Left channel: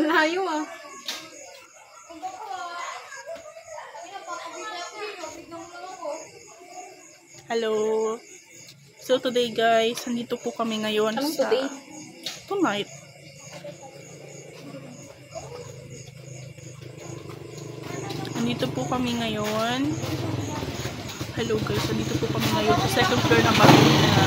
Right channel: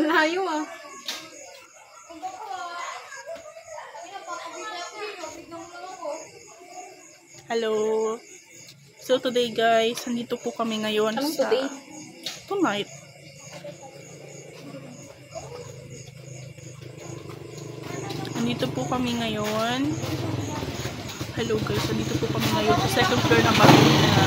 Layo ah. Hello. So today guys, nandito po kami ngayon sa today? Tonight. Nandito po kami ngayon. Hello guys, nandito po kami ngayon sa second floor ng bahay na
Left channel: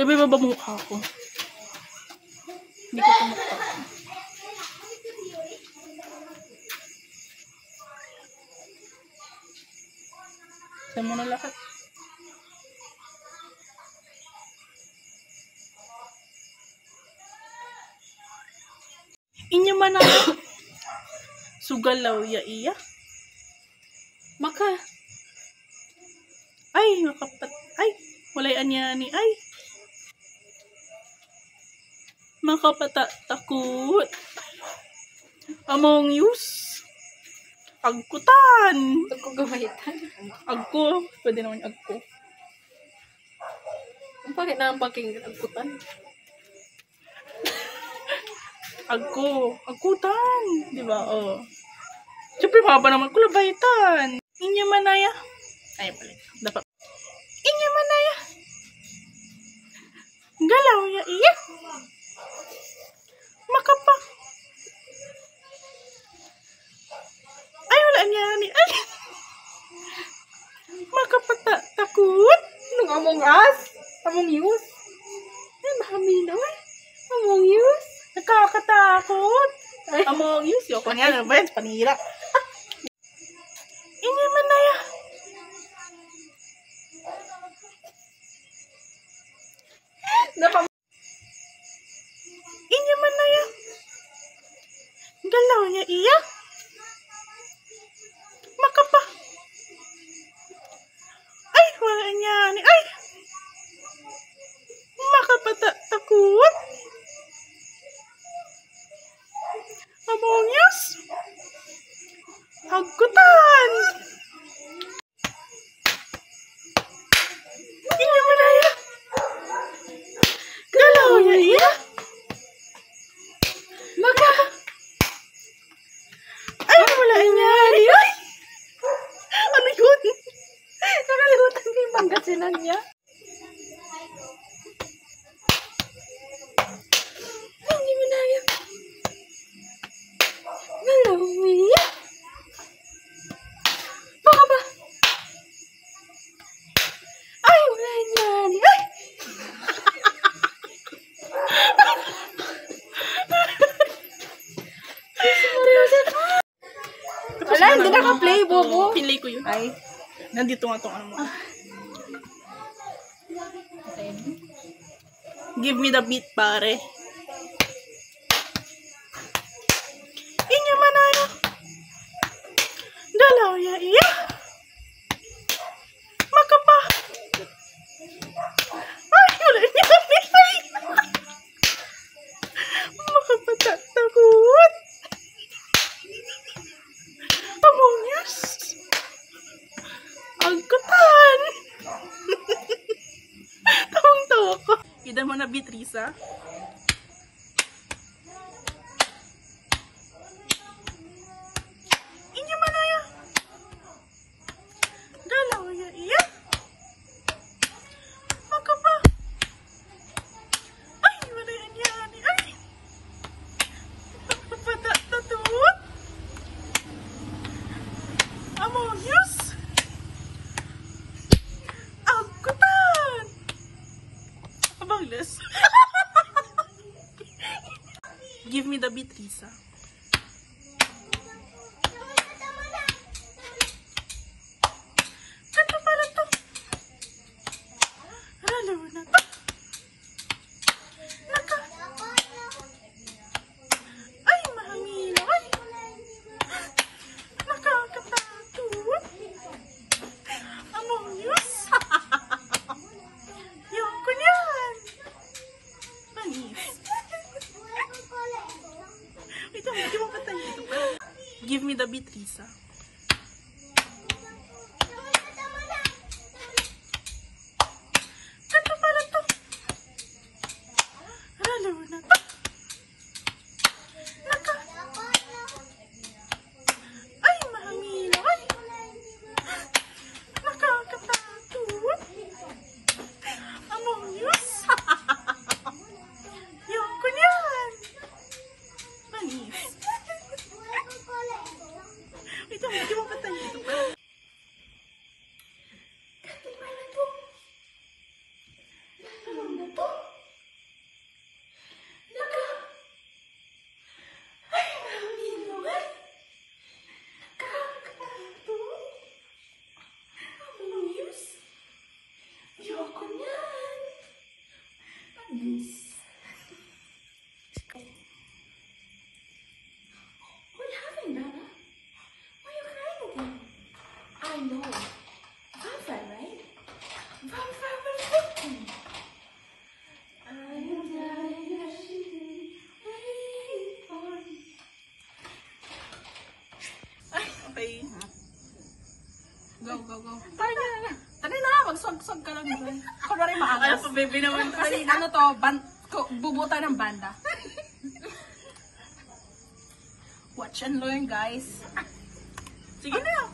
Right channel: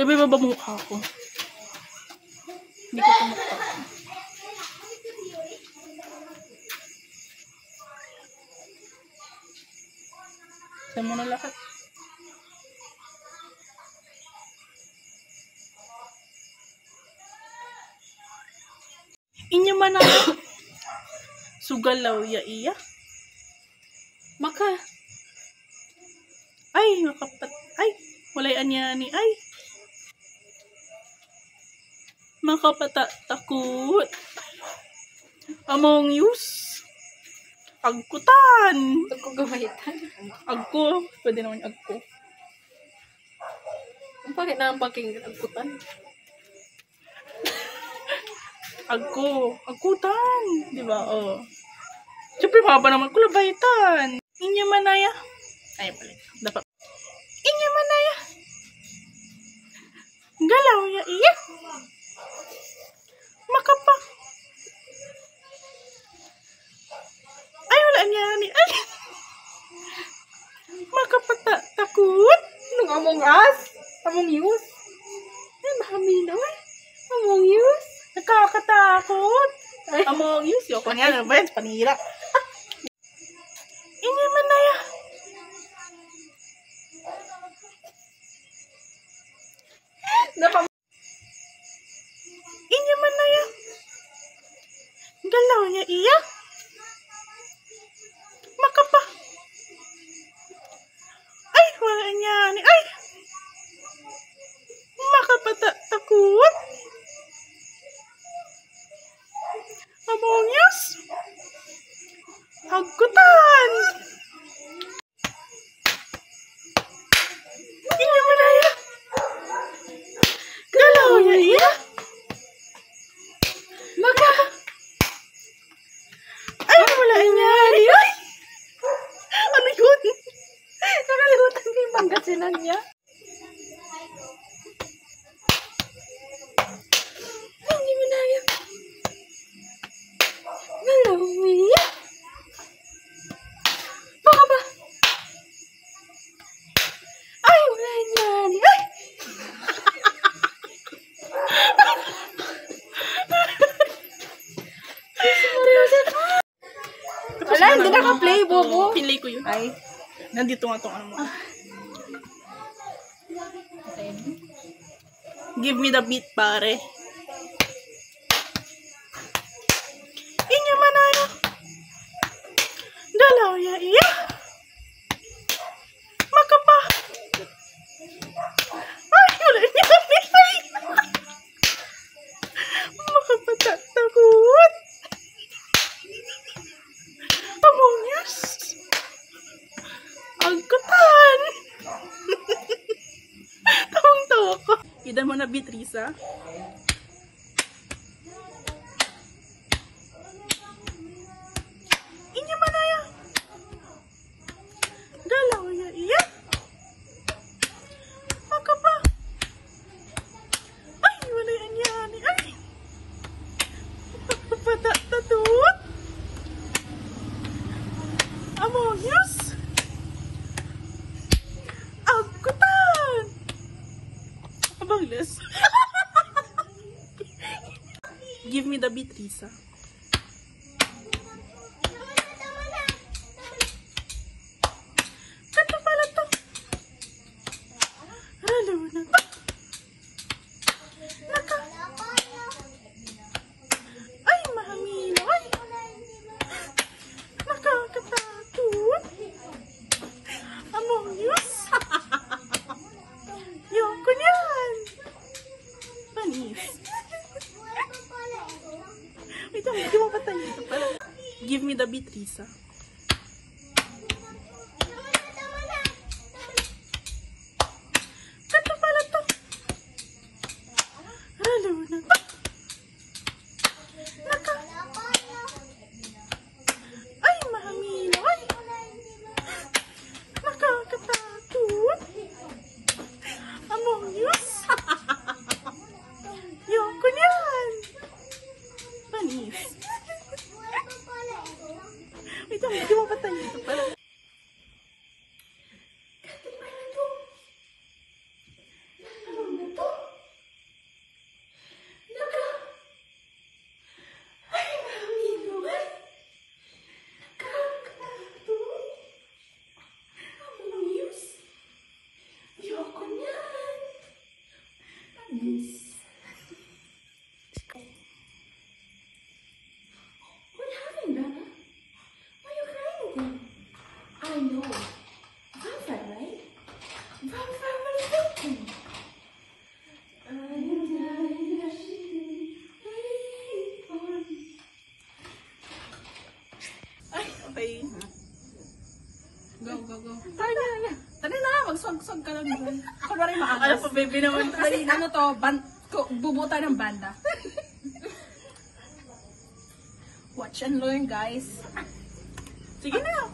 Bebe, ba mukha ko? Hindi ko ito mukha. Saan mo na lahat? Inyo man na sugalaw ya iya. Maka. Ay, makapat. Ay, walay anya ni ay. Makapata-takot. Among Us. Agkutan. Ito ko gamitan. Agko. Pwede naman agko. Bakit na ang paking agkutan? Agko. Agkutan. Diba? Oh. Siyempre, maba naman ko labaitan. Inyo manaya. Ay, pala. Dapat. Inyo manaya. Galaw ya iya. Makapa. Ay, wala niya ni. Ay. Makapata. Takot. Nung Among Us? Among Us? Ay, mahamina eh. Among Us? Nakakatakot. Ay. Among Us. Yoko niya. Ano ba yan? Panira. Inyo manaya. Inyo manaya. Galaw niya iya. Makapa. Ay, wala niya ni. Ay. Makapata. Takot. Among Us. Agkutan. Inyo manaya. Galaw niya iya. Maka. Ay, wala niya ni. Ay. Ano yun? Nakalimutan ko yung Pangasinan niya. Ay, hindi mo na yan. Galaw niya. Baka ba? Ay, wala niya ni. Ay! Wala, hindi naka-play, bobo. Pinlay ko yun. Ay. Nandito nga itong ano mo. Give me the beat, pare. Inyo manaya. Galaw ya iya. Makapa. Ay, wala niya kami. Ay. Makapata. Takot. Among Us. Agkutan. Tawang-tawa ko. Idan mo na, Beatrice. Inyo manaya. Galaw ya iya. Makapa. Ay, wala yan yan. Ay. Makapata. Tatut. Among Us. Agkutan. Abangles. Give me the Beatrice. Kanto pala to. Ralo na to. Naka. Ay, mahamilo. Ay. Nakakatakot. Among Us. Yoko niyan. Pani. the beat, Risa. Ito pala to. Ralo na to. Ay, mahamilo. Ay. Nakakatakot. Among Us. Yung kunyan. Panis. Wait, hindi mo patay ito pala. What happened, Bella? Why are you crying again? I know. Vampire, right? Vampire was waiting. Okay. Go, go, go. Tara na. Tara na, magsag-sag ka lang dyan. Ako na rin Ano maangas. pa, baby naman to. Ano to, bubuta ng banda. Watch and learn, guys. Sige na.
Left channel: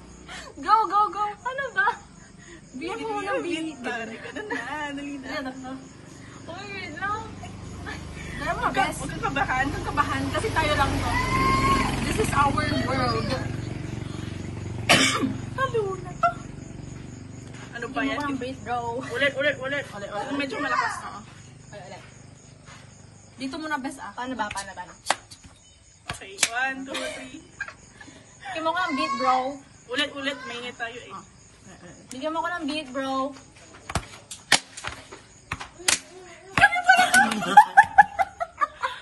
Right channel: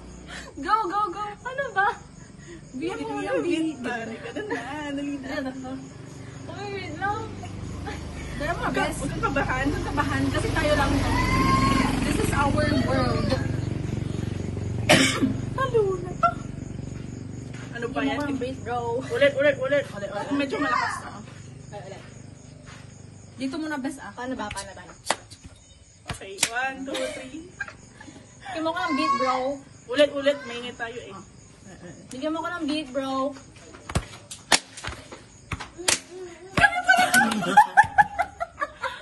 Go, go, go. Ano ba? Biyan mo na, Beat. Dali ka na. Dali na. Oh, wait lang. Dara mo, Huwag kang best. kabahan. Huwag kang kabahan kasi tayo lang to. This is our world. Halo na to. Ano ba yan? Beat, bro. Ulit. Ulit. Medyo malakas na. Ulit. Dito muna, best ah. Paano ba? Okay, 1, 2, 3. Bigyan mo ko ng beat, bro. Ulit. Mainit tayo eh. Bigyan mo ko ng beat, bro.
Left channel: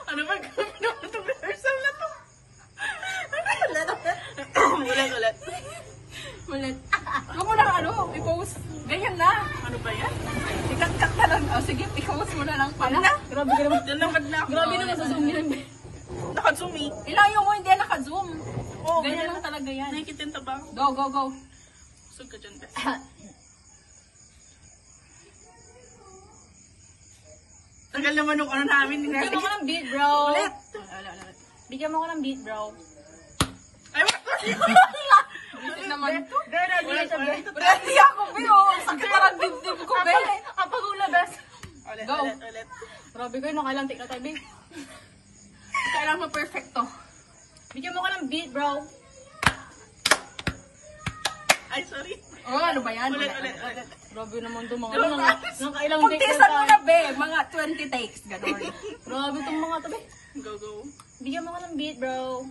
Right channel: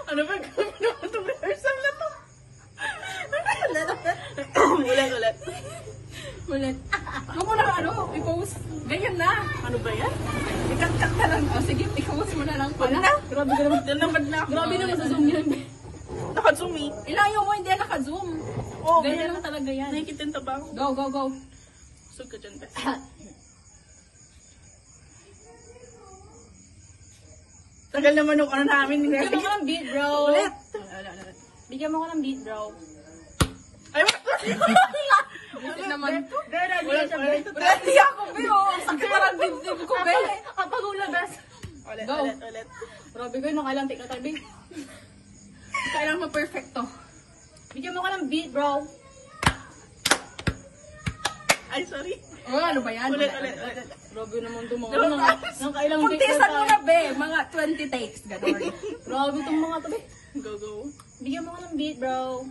Ano ba gawin naman itong rehearsal na to? Ulit. Ulit. Ako mo na i-post. Ayan na. Ano ba yan? Ikat-kat na lang. Oh, sige, i-post mo na lang Wag pala. na. Grabe ka naman. Nanamad na ako. Grabe naman sa zoom yun. Nakazumi. Ilayo mo, hindi naka-zoom. Oo, Ganyan lang talaga yan. nakikitin ta ba ako? Go. Sug ka dyan, be. Tagal naman nung ano namin. Bigyan mo ko ng beat, bro. Ulit. Bigyan mo ko ng beat, bro. Ay, wala. Beat naman. Ulit. Ready ako, bro. Sakit parang dibdib ko, be. Kapag ulabas. Go. Ulit. Grabe ko, nakalantik na tayo, be. Kailangan mo perfecto. Bigyan mo ko ng beat, bro. Ay, sorry. Oh, ano ba yan? Ulit. Grabe naman itong mga Go, ano. guys. Nakailang takes Pagtisan mo na na, be. Mga 20 takes. Gano'n. Grabe itong mga to, be. Go. Bigyan mo ko ng beat, bro.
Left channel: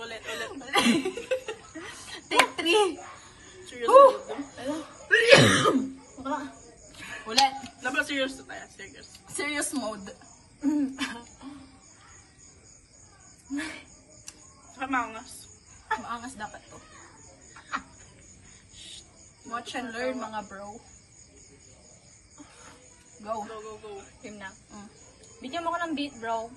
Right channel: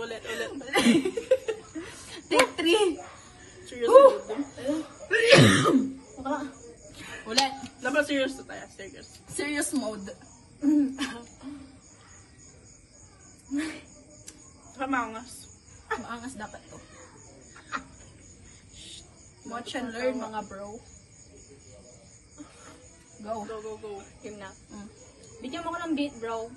Ulit. Take 3. Serious mode. Ulit. Dapat serious na tayo. Serious. Serious mode. Kamangas. Maangas dapat to. Watch and learn, mga bro. Go. Go. Game na. Bigyan mo ko ng beat, bro.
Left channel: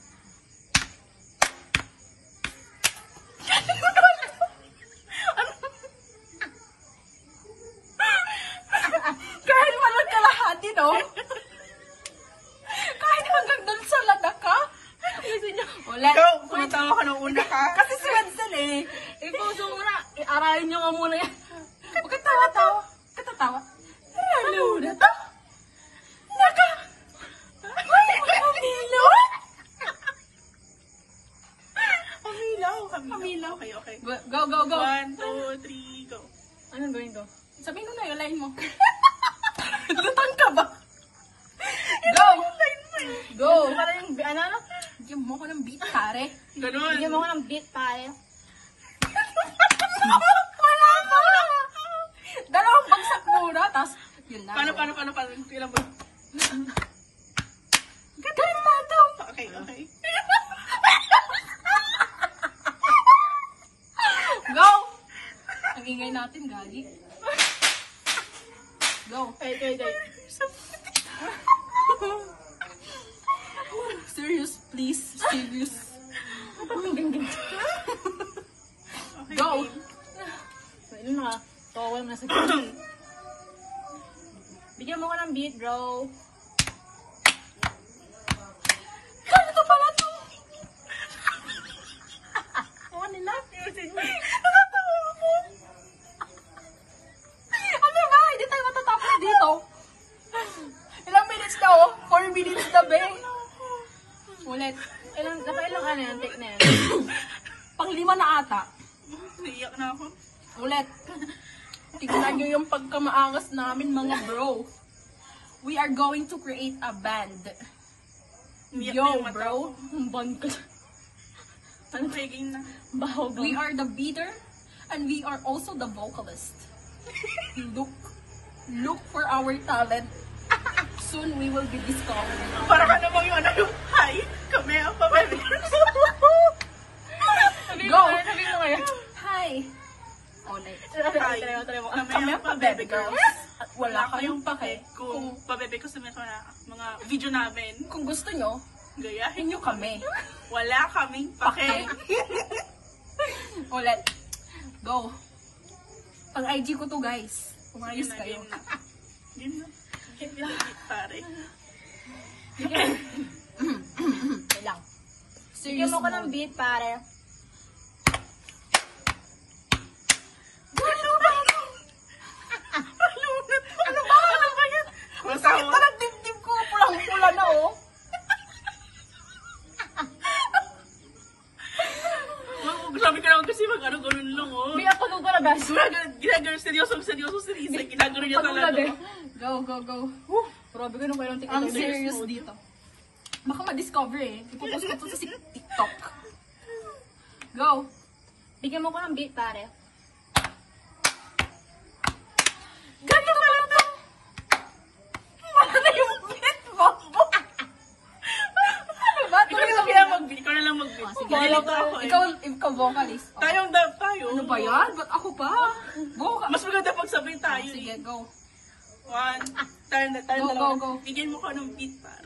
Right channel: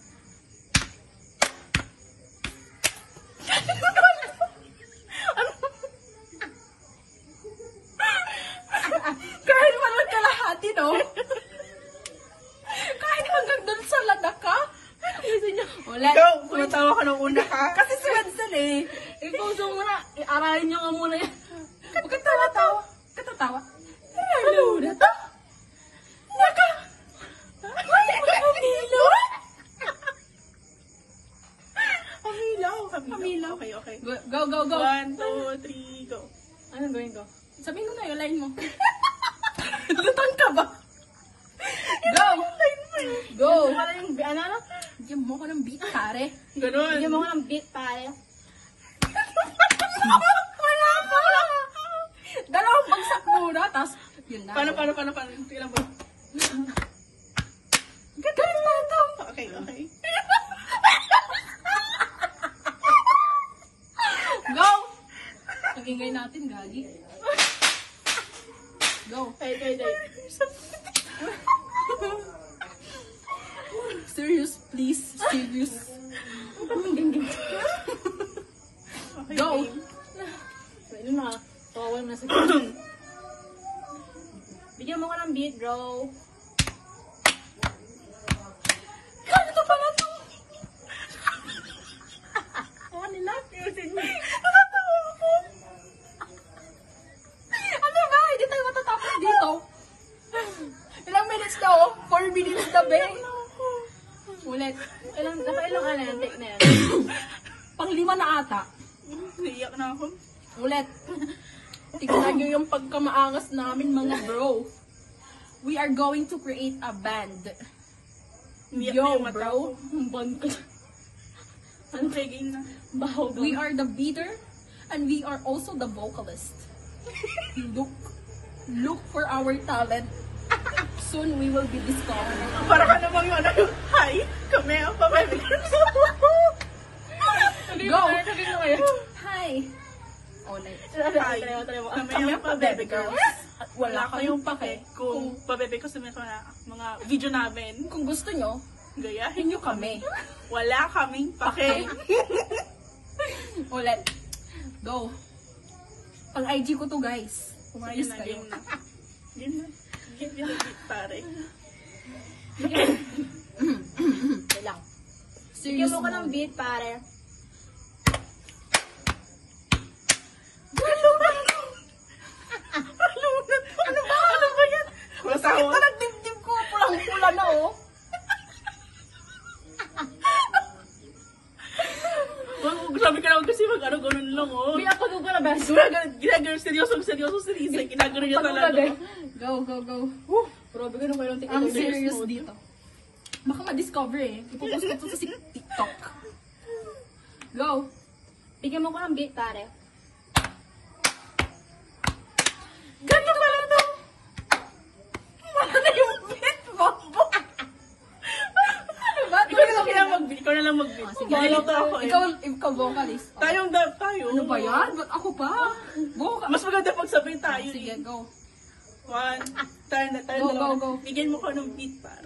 Kahit walang kalahati, no? Kahit hanggang dun sa ladaka. Ulit. Go! Kumatawa ka ng una ka. Kasi si Wenzel eh. I-post mo muna. I-aralin nyo nga muna yan. Huwag kang tawa-tawa. Katatawa. Ano na to? Naka! Ang hilaw. Okay. Go. 1, 2, 3, go. Ano gawin ko? Sabihin mo na yung line mo. Lutang ka ba? Go! Go! Para yung, ano? Bigyan mo ko ng beat, pare. Ganun. Bigyan mo ko ng beat, pare. Dalawang bagsak muna, tapos yun na. Paano? Ilan ba? Ganda naman to. Okay. Ang ingay natin, gali. Go. Wait. Serious, please. Serious. Okay, Go. game. Pwede na. Tawal na sa Bigyan mo ko ng beat, bro. Kanto pa nga to. Oo, nila. Ano ba? Hindi tayo matatapos dito. Ilang minutes na oh? 4 minutes na ba? Ulit. Nakailang ano yung take na yan? Pang-5 na ata. Naiyak na ako. Ulit. Tignan nyo yung pagkamaangas namin mga bro. We are going to create a band. Umiyak na Yo yung mata bro. ko. Band ka. Ano tayo game na? Baho ka. We are the beater and we are also the vocalist. Look for our talent. Soon we will be discovered. Para ka namang yung ano yung hi, kami ang pabalik. Go! Sabi mo ngayon. Hi! Ulit. Hi, Try mo. kami ang pabebe girl. At Wala kayong pake kung pabebe ko sa mga video namin. Kung gusto nyo, Gayahin nyo kami. kami. Wala kaming pake. Ulit. Go. Pang IG ko to guys. Game Umayos na, kayo. game na. Game na. Hindi na pare. Wait lang. Bigyan mo ko ng beat, pare. Ano ba? Ano ba yan? Bakit pa lang dibdib ko? Pulang-pula na oh. Grabe ka naman kasi mag-ano-ganon lang, oh. May ako ko na best. Ginagano, seryoso, ginagano niya talaga. Go. Grabe ka nung mayroong TikTok. Ang serious dito. Baka ma-discover eh. Ipopost ko to sa TikTok. Go. Bigyan mo ko ng beat, pare. Gano'n ba lang to? Wala na yung beat mo. Ikaw na lang mag-beat. Bahala ka. Ikaw vocalist. Tayo. Ano ba yan? Ba't ako pa? Go ka. Mas maganda pag sabay tayo. Sige, go. Tayo Go, dalawa. go. Bigyan mo ko ng beat para.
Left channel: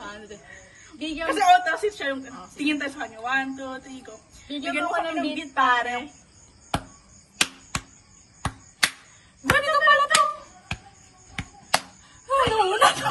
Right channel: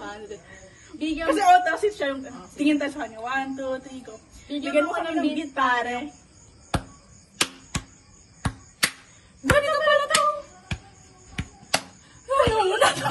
Bigyan Kasi tasit siya yung tingin tayo sa kanya. 1, 2, 3, go. Bigyan mo ko ng beat pare. Gano'n ba lang to? Wala na.